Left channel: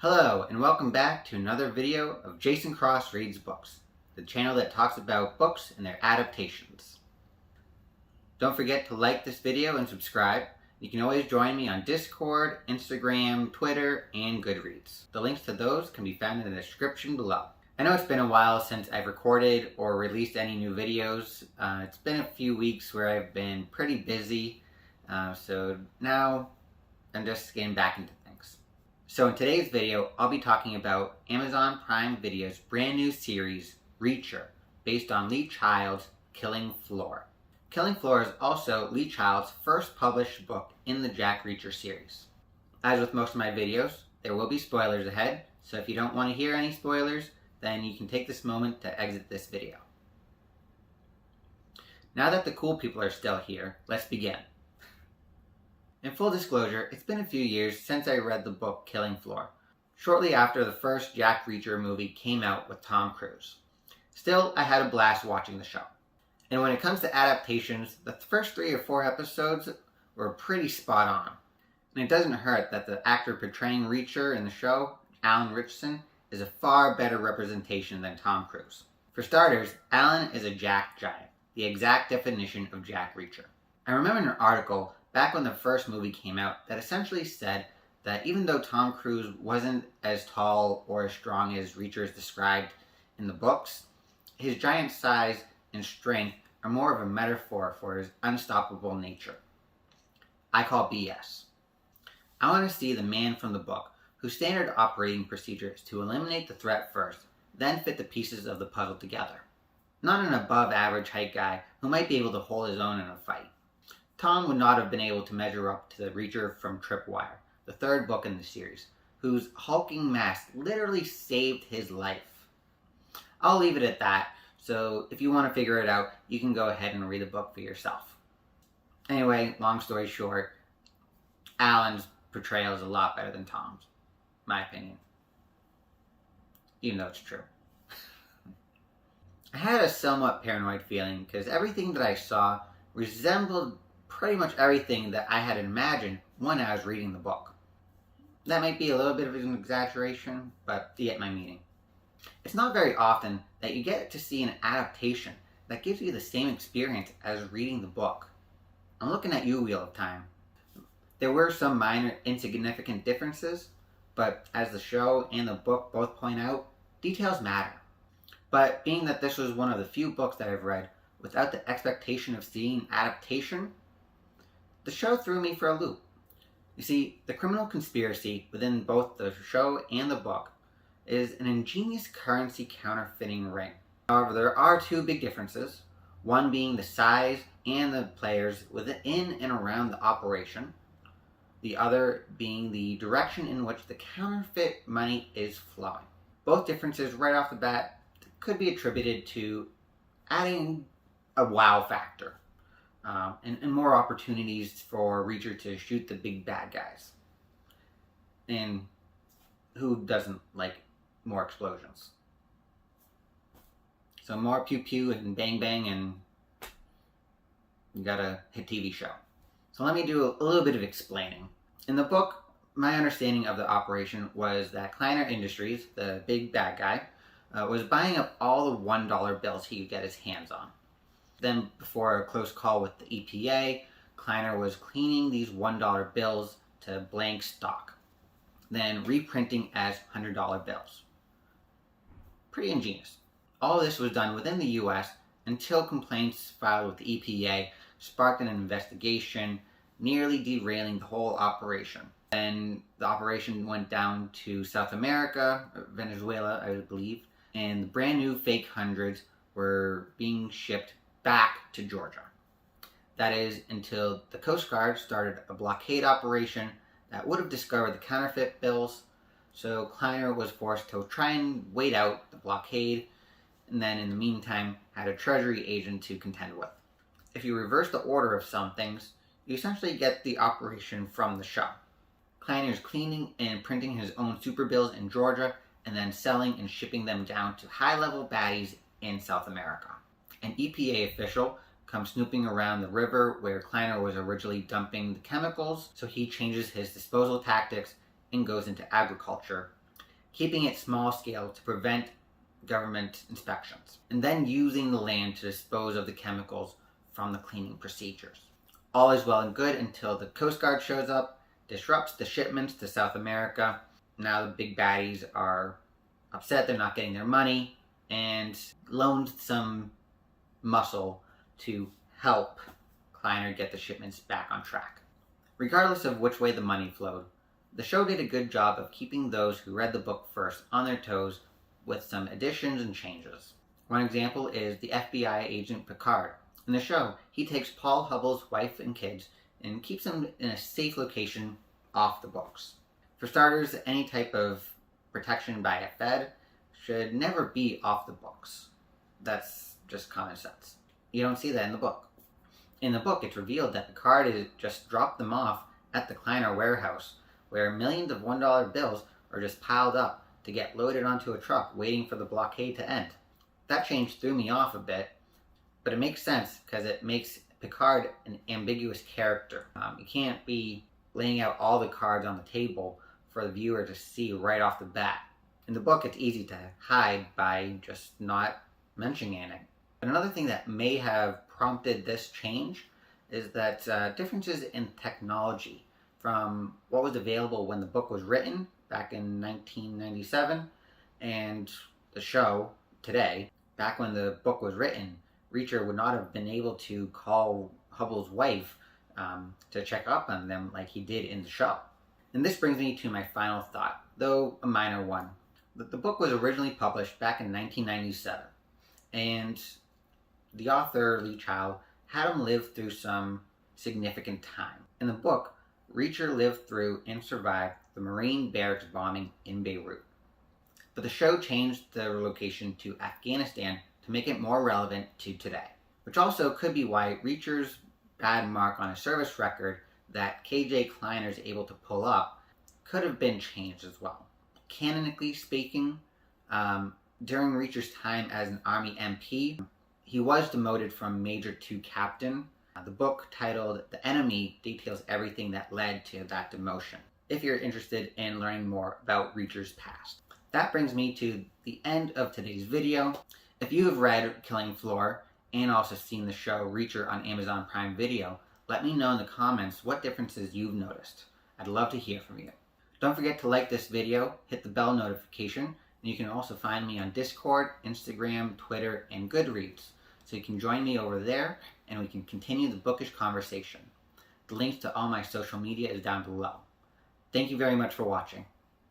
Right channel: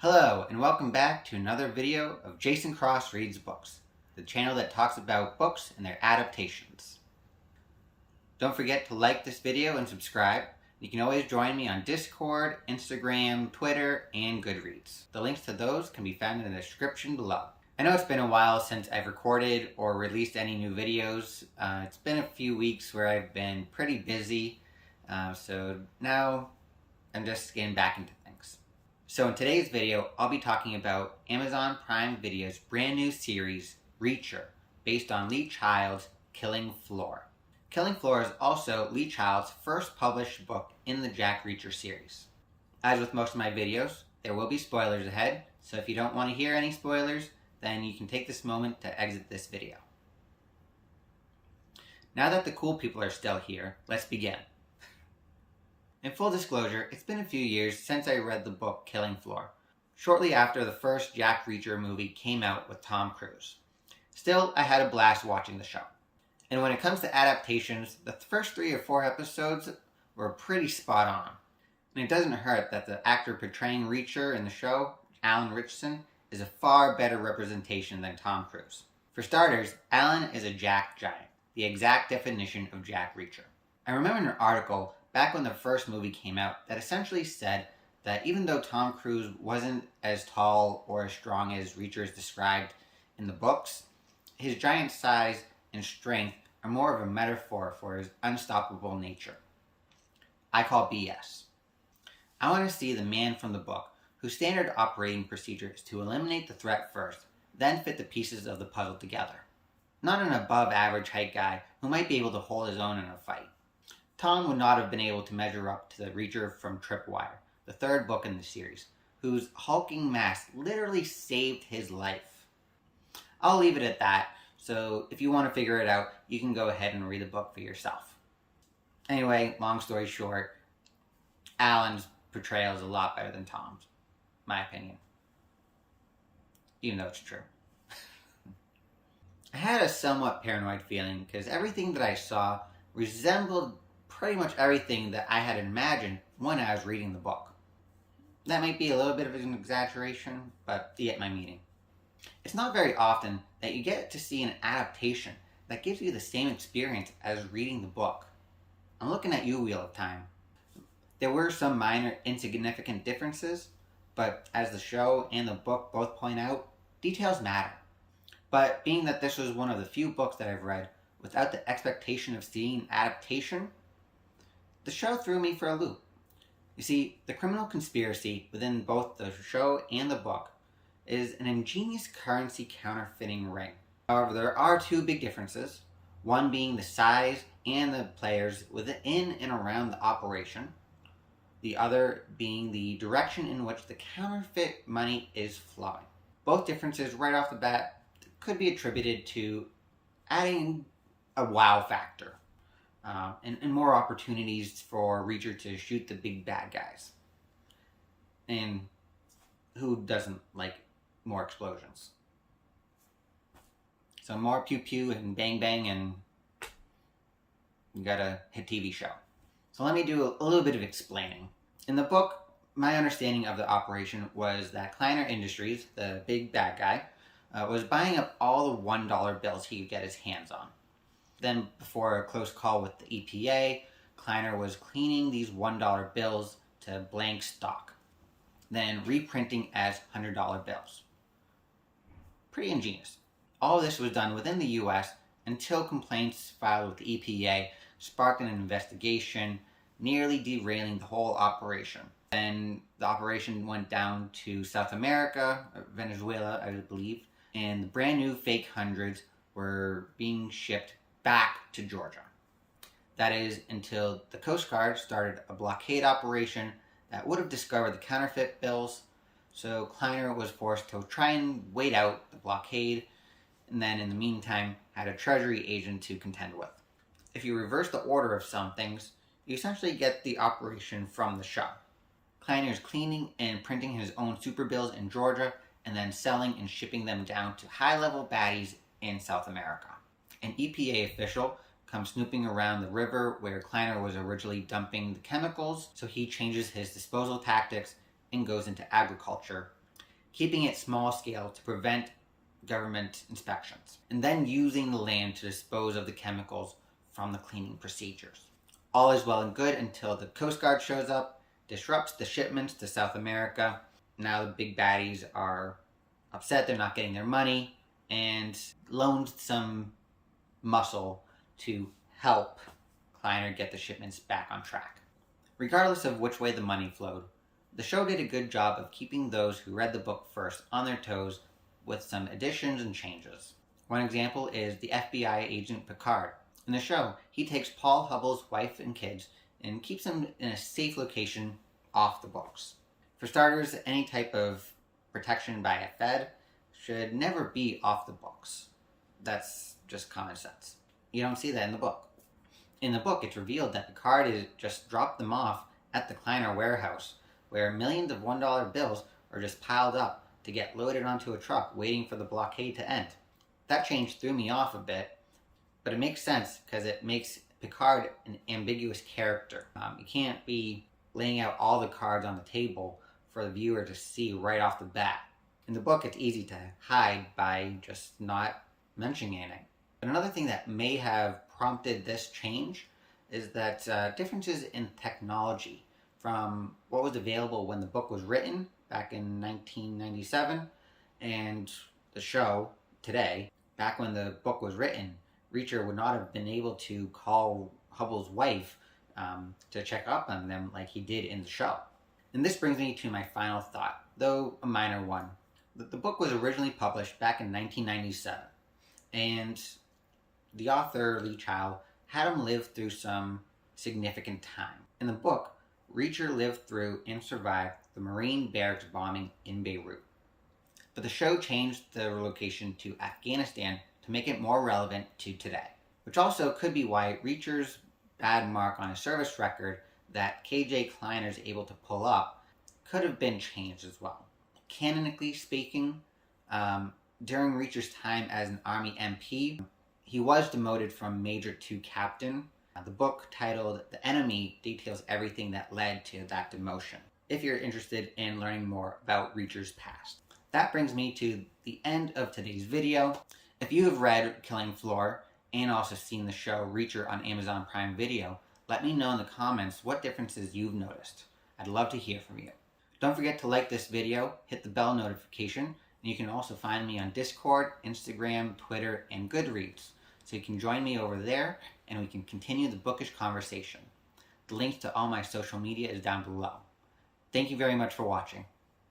Hello, and welcome back to another video of Jason Cross Reads Books, the channel that talks about books and their adaptations. Don't forget to like this video and subscribe. You can always join me on Discord, Instagram, Twitter, and Goodreads. The links to those can be found in the description below. I know it's been a while since I've recorded or released any new videos. It's been a few weeks where I've been pretty busy, so now I'm just getting back into things. So in today's video, I'll be talking about Amazon Prime Video's brand new series, Reacher, based on Lee Child's Killing Floor. Killing Floor is also Lee Child's first published book in the Jack Reacher series. As with most of my videos, there will be spoilers ahead, so if you don't want to hear any spoilers, then you can take this moment to exit this video. Now that the cool people are still here, let's begin. In full disclosure, it's been a few years since I read the book Killing Floor, shortly after the first Jack Reacher movie came out with Tom Cruise. Still, I had a blast watching the show. And when it comes to adaptations, the first 3 or 4 episodes were pretty spot on. And it doesn't hurt that the actor portraying Reacher in the show, Alan Ritchson, is a far better representation than Tom Cruise. For starters, Alan is a Jack giant, the exact definition of Jack Reacher. I remember an article back when the first movie came out that essentially said that even though Tom Cruise wasn't as tall or as strong as Reacher is described in the books, his giant size and strength are more of a metaphor for his unstoppable nature. I call BS. I want to see the man from the book whose standard operating procedure is to eliminate the threat first, then fit the pieces of the puzzle together. Not an above average height guy who might be able to hold his own in a fight. Tom would not have been able to measure up to the Reacher from Tripwire, the third book in the series, whose hulking mass literally saved his life. I'll leave it at that, so if you want to figure it out, you can go ahead and read the book for yourself. Anyway, long story short, Alan's portrayal is a lot better than Tom's, my opinion. Even though it's true. I had a somewhat paranoid feeling because everything that I saw resembled pretty much everything that I had imagined when I was reading the book. That might be a little bit of an exaggeration, but you get my meaning. It's not very often that you get to see an adaptation that gives you the same experience as reading the book. I'm looking at you, Wheel of Time. There were some minor insignificant differences, but as the show and the book both point out, details matter. But being that this was one of the few books that I've read without the expectation of seeing adaptation, the show threw me for a loop. You see, the criminal conspiracy within both the show and the book is an ingenious currency counterfeiting ring. However, there are 2 big differences, one being the size and the players within and around the operation, the other being the direction in which the counterfeit money is flowing. Both differences right off the bat could be attributed to adding a wow factor. And more opportunities for Reacher to shoot the big bad guys. And who doesn't like more explosions? So more pew pew and bang bang, and you got a hit TV show. So let me do a little bit of explaining. In the book, my understanding of the operation was that Kleiner Industries, the big bad guy, was buying up all the $1 bills he could get his hands on. Then, before a close call with the EPA, Kleiner was cleaning these $1 bills to blank stock, then reprinting as $100 bills. Pretty ingenious. All of this was done within the US until complaints filed with the EPA sparked an investigation, nearly derailing the whole operation. Then the operation went down to South America, Venezuela, I believe, and the brand new fake hundreds were being shipped back to Georgia. That is until the Coast Guard started a blockade operation that would have discovered the counterfeit bills, so Kleiner was forced to try and wait out the blockade, and then in the meantime had a Treasury agent to contend with. If you reverse the order of some things, you essentially get the operation from the show. Kleiner's cleaning and printing his own super bills in Georgia, and then selling and shipping them down to high-level baddies in South America. An EPA official comes snooping around the river where Kleiner was originally dumping the chemicals, so he changes his disposal tactics and goes into agriculture keeping it small scale to prevent government inspections, and then using the land to dispose of the chemicals from the cleaning procedures. All is well and good until the Coast Guard shows up, disrupts the shipments to South America. Now the big baddies are upset they're not getting their money, and loaned some muscle to help Kleiner get the shipments back on track. Regardless of which way the money flowed, the show did a good job of keeping those who read the book first on their toes with some additions and changes. One example is the FBI agent Picard. In the show, he takes Paul Hubbell's wife and kids and keeps them in a safe location off the books. For starters, any type of protection by a Fed should never be off the books. That's just common sense. You don't see that in the book. In the book, it's revealed that Picard has just dropped them off at the Kleiner warehouse, where millions of $1 bills are just piled up to get loaded onto a truck waiting for the blockade to end. That change threw me off a bit, but it makes sense because it makes Picard an ambiguous character. You can't be laying out all the cards on the table for the viewer to see right off the bat. In the book, it's easy to hide by just not mentioning anything. But another thing that may have prompted this change is that differences in technology from what was available when the book was written back in 1997 and the show today. Back when the book was written, Reacher would not have been able to call Hubbell's wife to check up on them like he did in the show. And this brings me to my final thought, though a minor one. The book was originally published back in 1997, and the author, Lee Child, had him live through some significant time. In the book, Reacher lived through and survived the Marine barracks bombing in Beirut. But the show changed the location to Afghanistan to make it more relevant to today, which also could be why Reacher's bad mark on his service record that KJ Kleiner is able to pull up could have been changed as well. Canonically speaking, during Reacher's time as an Army MP, he was demoted from Major to Captain. The book titled The Enemy details everything that led to that demotion, if you're interested in learning more about Reacher's past. That brings me to the end of today's video. If you have read Killing Floor and also seen the show Reacher on Amazon Prime Video, let me know in the comments what differences you've noticed. I'd love to hear from you. Don't forget to like this video, hit the bell notification, and you can also find me on Discord, Instagram, Twitter, and Goodreads. So you can join me over there and we can continue the bookish conversation. The links to all my social media is down below. Thank you very much for watching.